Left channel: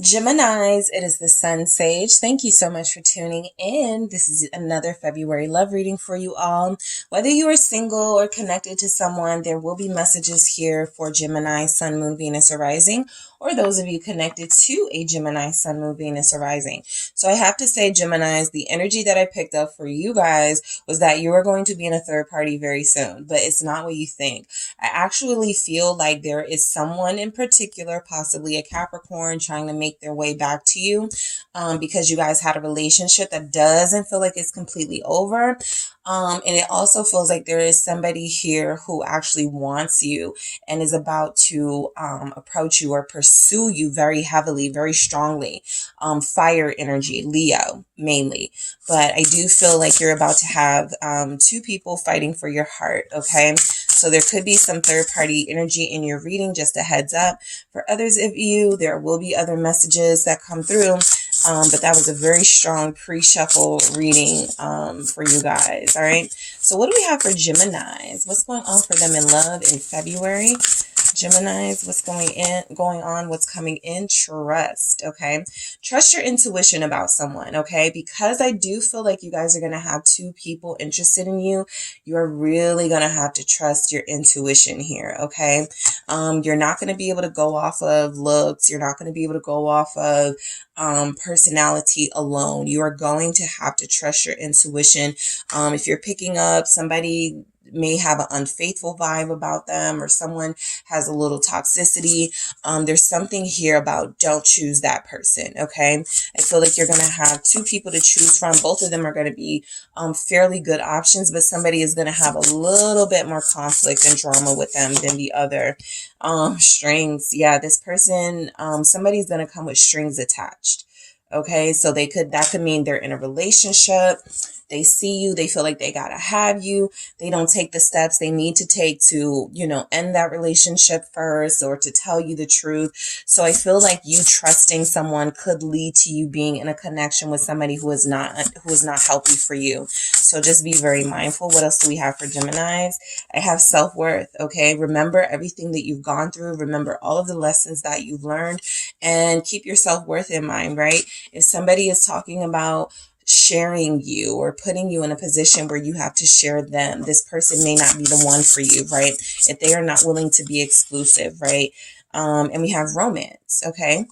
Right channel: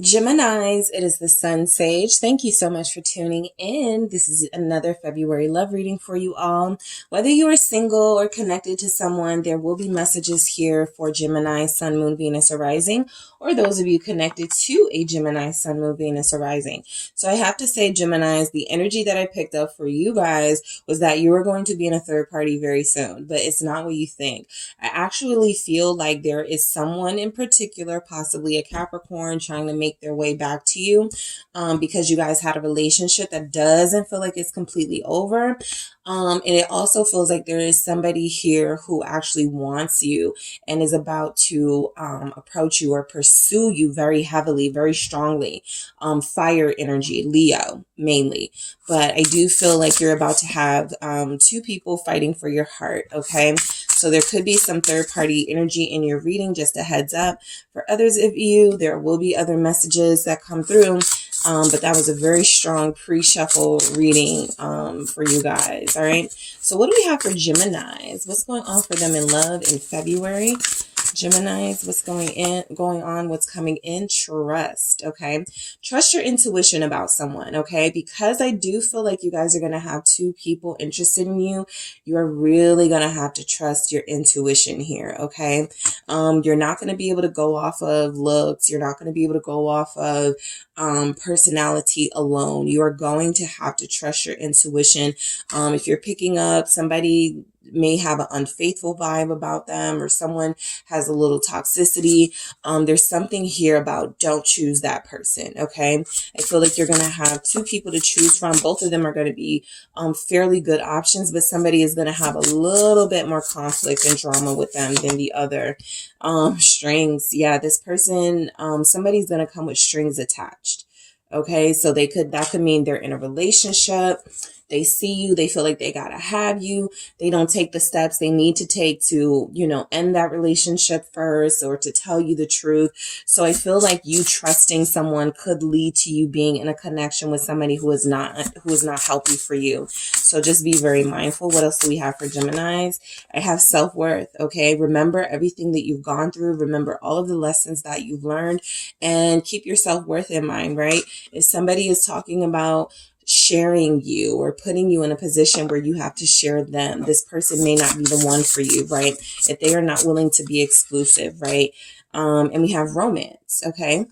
Geminis, it is the Sun Sage. Thank you so much for tuning in. This is another February love reading for you all. Whether you are single or connected to someone, there will be messages here for Gemini, Sun, Moon, Venus, or Rising, or those of you connected to a Gemini, Sun, Moon, Venus, or Rising. So I have to say, Geminis, the energy that I picked up for you guys was that you are going to be in a third party very soon, but it's not what you think. I actually feel like there is someone in particular, possibly a Capricorn, trying to make their way back to you because you guys had a relationship that doesn't feel like it's completely over. And it also feels like there is somebody here who actually wants you and is about to approach you or pursue you very heavily, very strongly. Fire energy, Leo mainly. But I do feel like you're about to have two people fighting for your heart, okay? So there could be some third party energy in your reading, just a heads up. For others of you, there will be other messages that come through. But that was a very strong pre-shuffle reading for you guys, all right? So what do we have for Geminis? What's going on for them in love in February? Geminis, what's going on, what's coming in? Trust, okay? Trust your intuition about someone, okay? Because I do feel like you guys are going to have two people interested in you. You are really going to have to trust your intuition here, okay? You're not going to be able to go off of looks. You're not going to be able to go off of personality alone. You are going to have to trust your intuition. If you're picking up somebody may have an unfaithful vibe about them, or someone has a little toxicity, there's something here about don't choose that person, okay? I feel like you're going to have two people to choose from. Both of them are going to be fairly good options, but somebody is going to have a little bit more conflict and drama with them than the other. Strings, yeah, this person, somebody's going to come with strings attached, okay? So that could mean they're in a relationship. They see you, they feel like they gotta have you. They don't take the steps they need to take to, end that relationship first, or to tell you the truth. So I feel like you trusting someone could lead to you being in a connection with somebody who is not healthy for you. So just be very mindful. What else do we have for Geminis? I have self-worth, okay? Remember everything that you've gone through. Remember all of the lessons that you've learned, and keep your self-worth in mind, right? If somebody is talking about sharing you or putting you in a position where you have to share them, this person may not be the one for you, right? If they are not willing to be exclusive, right? And we have romance, okay?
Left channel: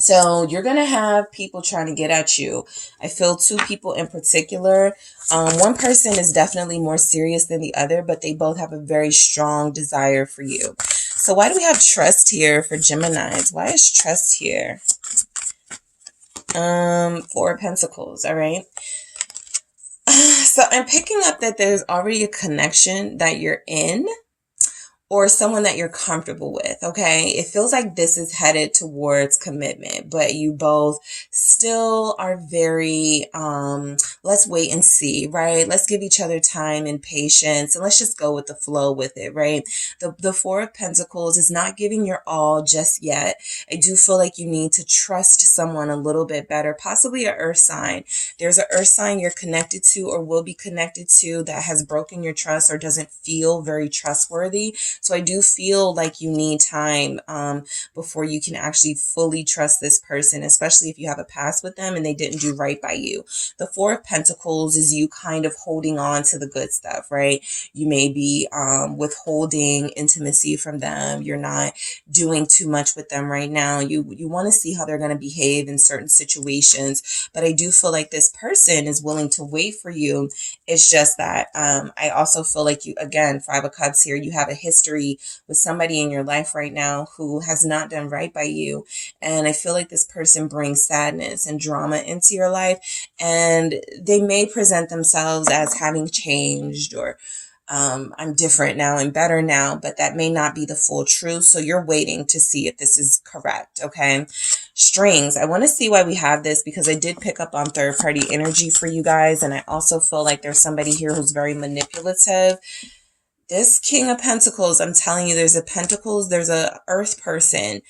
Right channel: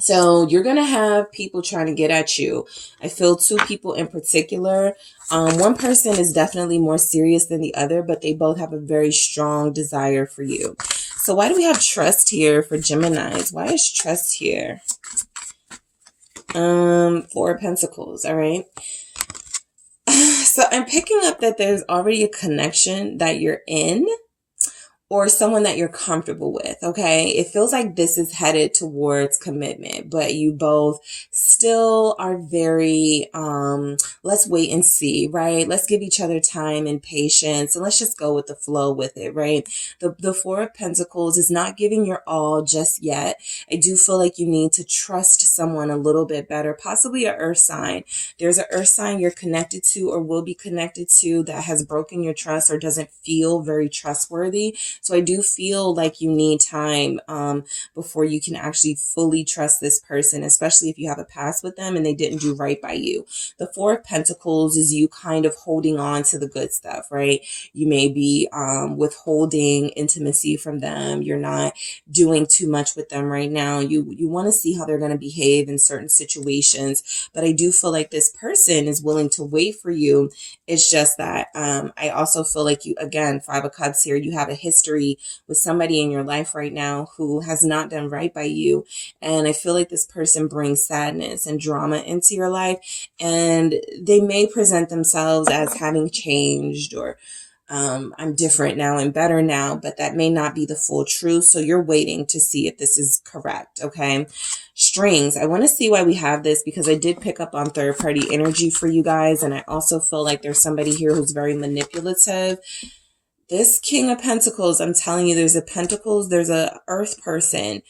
So you're going to have people trying to get at you. I feel two people in particular. One person is definitely more serious than the other, but they both have a very strong desire for you. So why do we have trust here for Geminis? Why is trust here? Four of Pentacles, all right? So I'm picking up that there's already a connection that you're in, or someone that you're comfortable with, okay? It feels like this is headed towards commitment, but you both still are very, let's wait and see, right? Let's give each other time and patience, and let's just go with the flow with it, right? The Four of Pentacles is not giving your all just yet. I do feel like you need to trust someone a little bit better, possibly an earth sign. There's an earth sign you're connected to or will be connected to that has broken your trust or doesn't feel very trustworthy. So I do feel like you need time before you can actually fully trust this person, especially if you have a past with them and they didn't do right by you. The Four of Pentacles is you kind of holding on to the good stuff, right? You may be withholding intimacy from them. You're not doing too much with them right now. You want to see how they're going to behave in certain situations, but I do feel like this person is willing to wait for you. It's just that I also feel like you, again, Five of Cups here, you have a history with somebody in your life right now who has not done right by you. And I feel like this person brings sadness and drama into your life, and they may present themselves as having changed, or I'm different now and better now, but that may not be the full truth. So you're waiting to see if this is correct, okay? Strings. I want to see why we have this, because I did pick up on third party energy for you guys. And I also feel like there's somebody here who's very manipulative. This King of Pentacles, I'm telling you, there's a earth person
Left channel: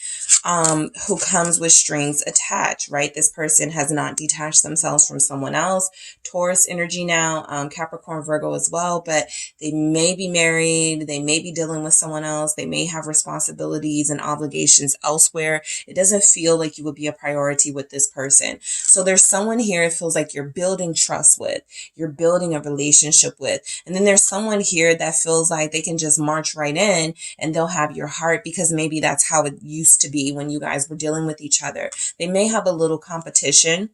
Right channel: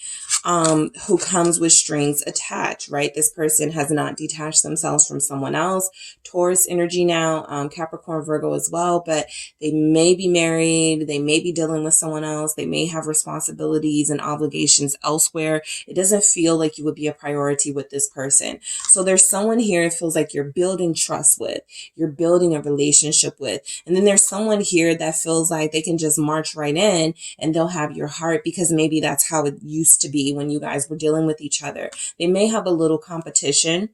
who comes with strings attached, right? This person has not detached themselves from someone else. Taurus energy now, Capricorn, Virgo as well, but they may be married. They may be dealing with someone else. They may have responsibilities and obligations elsewhere. It doesn't feel like you would be a priority with this person. So there's someone here it feels like you're building trust with, you're building a relationship with. And then there's someone here that feels like they can just march right in and they'll have your heart because maybe that's how it used to be when you guys were dealing with each other. They may have a little competition,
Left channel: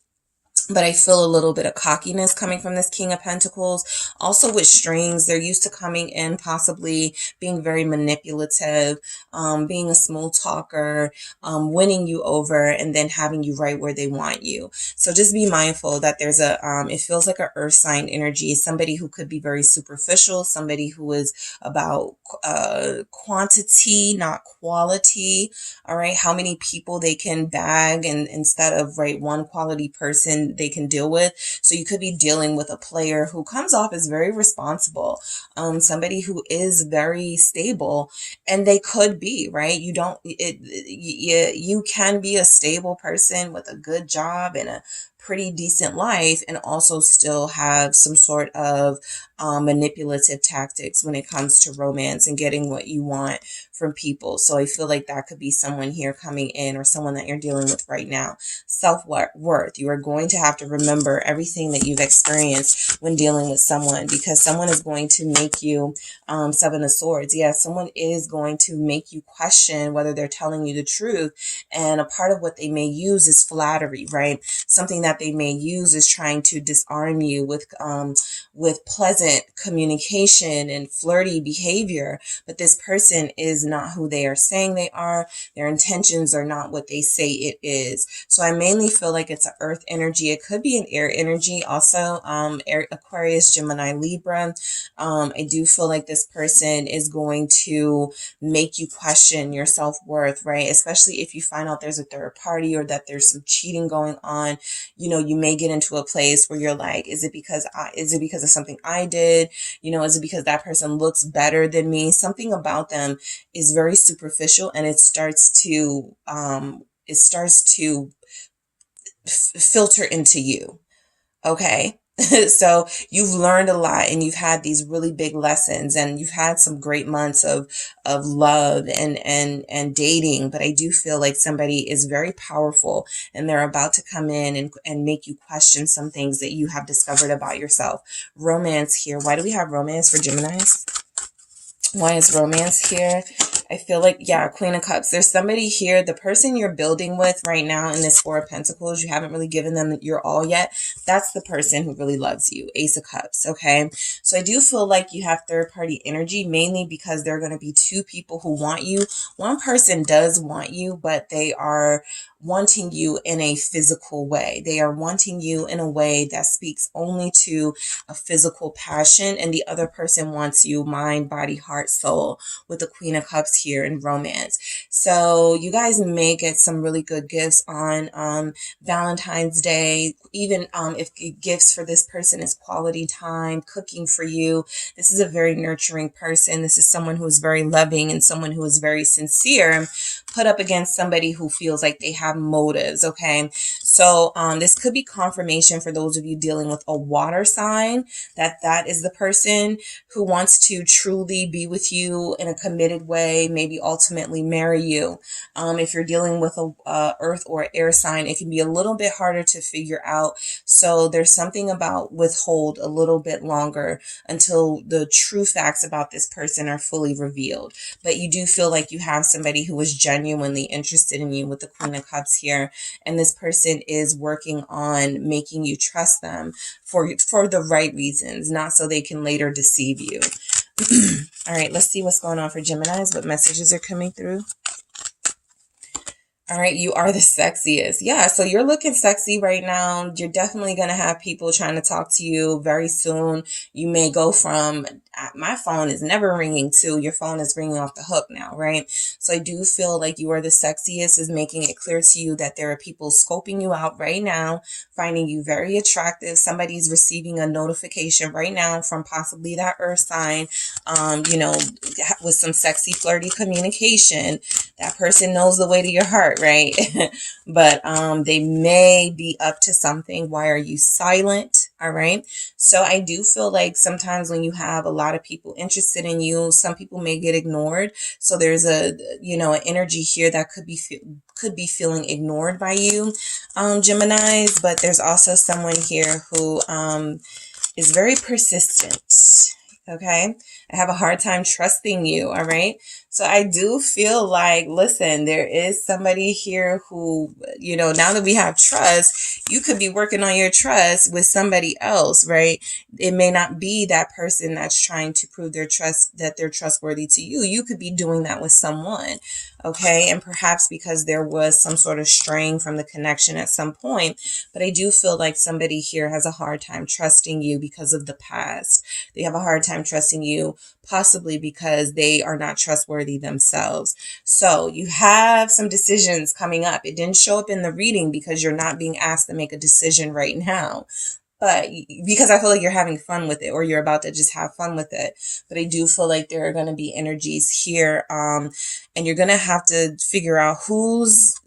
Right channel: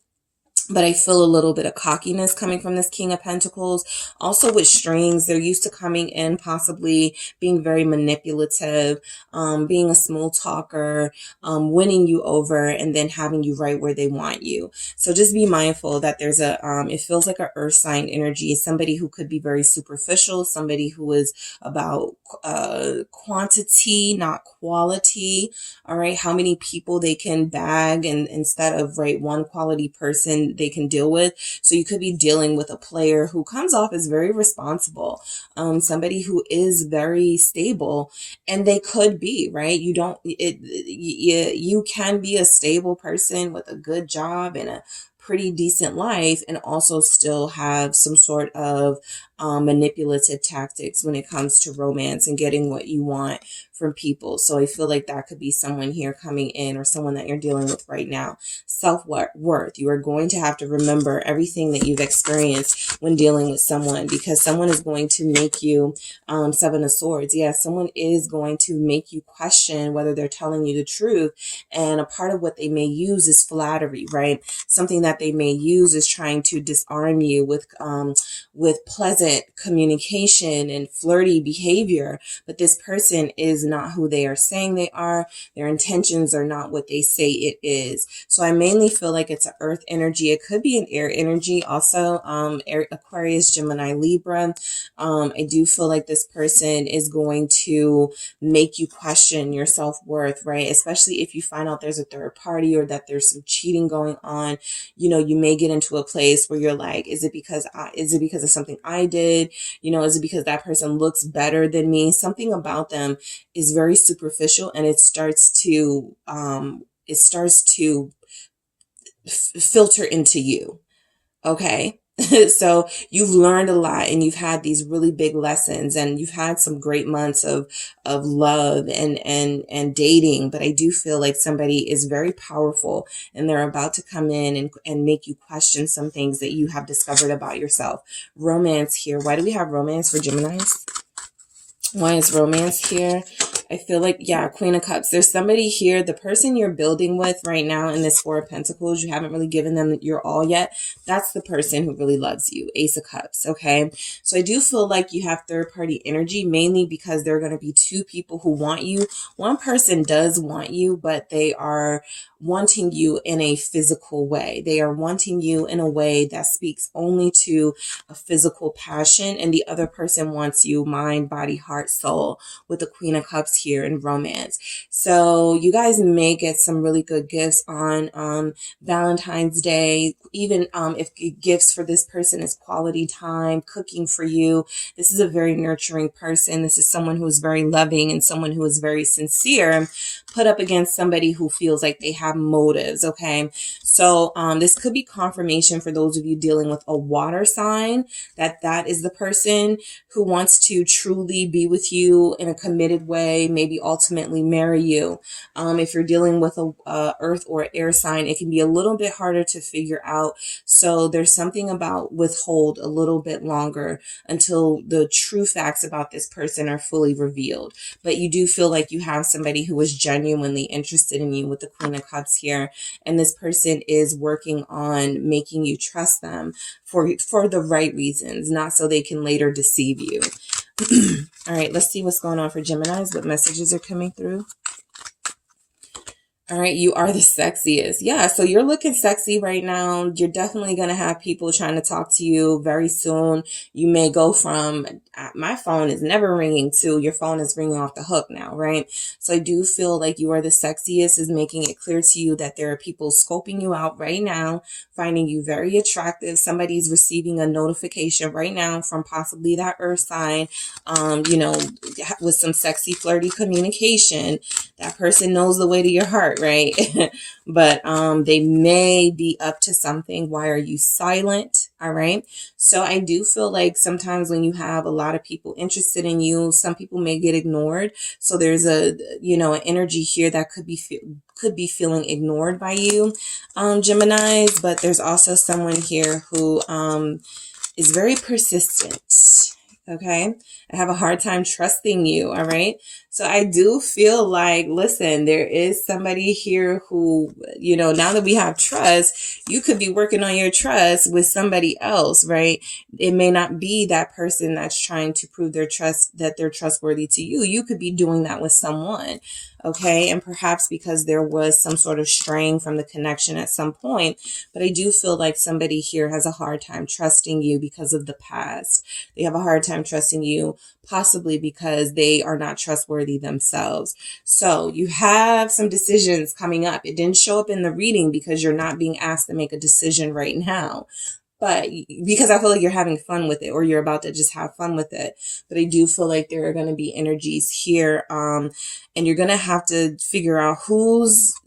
but I feel a little bit of cockiness coming from this King of Pentacles. Also with strings, they're used to coming in, possibly being very manipulative, being a smooth talker, winning you over, and then having you right where they want you. So just be mindful that there's it feels like an earth sign energy, somebody who could be very superficial, somebody who is about quantity, not quality. All right. How many people they can bag and instead of one quality person they can deal with. So you could be dealing with a player who comes off as very responsible, somebody who is very stable, and they could be, right? You can be a stable person with a good job and a pretty decent life and also still have some sort of manipulative tactics when it comes to romance and getting what you want from people. So I feel like that could be someone here coming in or someone that you're dealing with right now. Self-worth. You are going to have to remember everything that you've experienced when dealing with someone, because someone is going to make you, Seven of Swords. Yeah, someone is going to make you question whether they're telling you the truth. And a part of what they may use is flattery, right? Something that they may use is trying to disarm you with pleasant communication and flirty behavior. But this person is not who they are saying they are. Their intentions are not what they say it is. So I mainly feel like it's an earth energy. It could be an air energy also, Aquarius, Gemini, Libra. I do feel like this person is going to make you question your self-worth, right? Especially if you find out there's a third party or that there's some cheating going on. You know, you may get into a place where you're like, is it because of something I did? You know, is it because that person looks better than me? Something about them is very superficial, and it starts to filter into you. Okay. So you've learned a lot and you've had these really big lessons and you've had some great months of love and dating. But I do feel like somebody is very powerful and they're about to come in and make you question some things that you have discovered about yourself. Romance here. Why do we have romance for Geminis? Why is romance here? I feel like, yeah, Queen of Cups. There's somebody here, the person you're building with right now in this Four of Pentacles, you haven't really given them your all yet. That's the person who really loves you. Ace of Cups, okay? So I do feel like you have third-party energy, mainly because there are going to be two people who want you. One person does want you, but they are wanting you in a physical way. They are wanting you in a way that speaks only to a physical passion, and the other person wants you mind, body, heart, soul, with the Queen of Cups here in romance. So you guys may get some really good gifts on Valentine's Day. Even if gifts for this person is quality time, cooking for you. This is a very nurturing person. This is someone who is very loving and someone who is very sincere, put up against somebody who feels like they have motives, okay? So this could be confirmation for those of you dealing with a water sign, that is the person who wants to truly be with you in a committed way, maybe ultimately marry you. If you're dealing with a earth or air sign, it can be a little bit harder to figure out. So there's something about withhold a little bit longer until the true facts about this person are fully revealed. But you do feel like you have somebody who is genuinely interested in you with the Queen of Cups here. And this person is working on making you trust them for the right reasons, not so they can later deceive you. All right, let's see what's going on for Geminis. What messages are coming through? All right, you are the sexiest. Yeah, so you're looking sexy right now. You're definitely going to have people trying to talk to you very soon. You may go from, my phone is never ringing, to your phone is ringing off the hook now, right? So I do feel like you are the sexiest is making it clear to you that there are people scoping you out right now, finding you very attractive. Somebody's receiving a notification right now from possibly that earth sign, with some sexy, flirty communication. That person knows the way to your heart, right? But they may be up to something. Why are you silent? All right. So I do feel like sometimes when you have a lot of people interested in you, some people may get ignored. So there's an energy here that could be feeling ignored by you, Geminis. But there's also someone here who is very persistent. Okay. I have a hard time trusting you. All right. So I do feel like, listen, there is somebody here who, now that we have trust, you could be working on your trust with somebody else, right? It may not be that person that's trying to prove their trust, that they're trustworthy to you. You could be doing that with someone. Okay. And perhaps because there was some sort of straying from the connection at some point, but I do feel like somebody here has a hard time trusting you because of the past. They have a hard time trusting you, possibly because they are not trustworthy themselves. So you have some decisions coming up. It didn't show up in the reading because you're not being asked to make a decision right now, but because I feel like you're having fun with it, or you're about to just have fun with it. But I do feel like there are going to be energies here, and you're going to have to figure out who's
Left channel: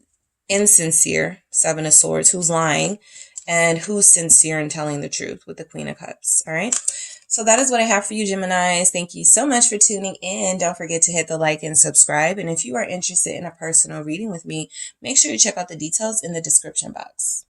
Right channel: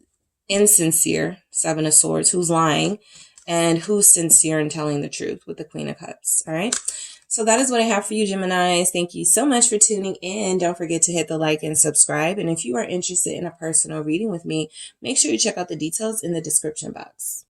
insincere, Seven of Swords, who's lying, and who's sincere in telling the truth with the Queen of Cups. All right. So that is what I have for you, Geminis. Thank you so much for tuning in. Don't forget to hit the like and subscribe. And if you are interested in a personal reading with me, make sure you check out the details in the description box.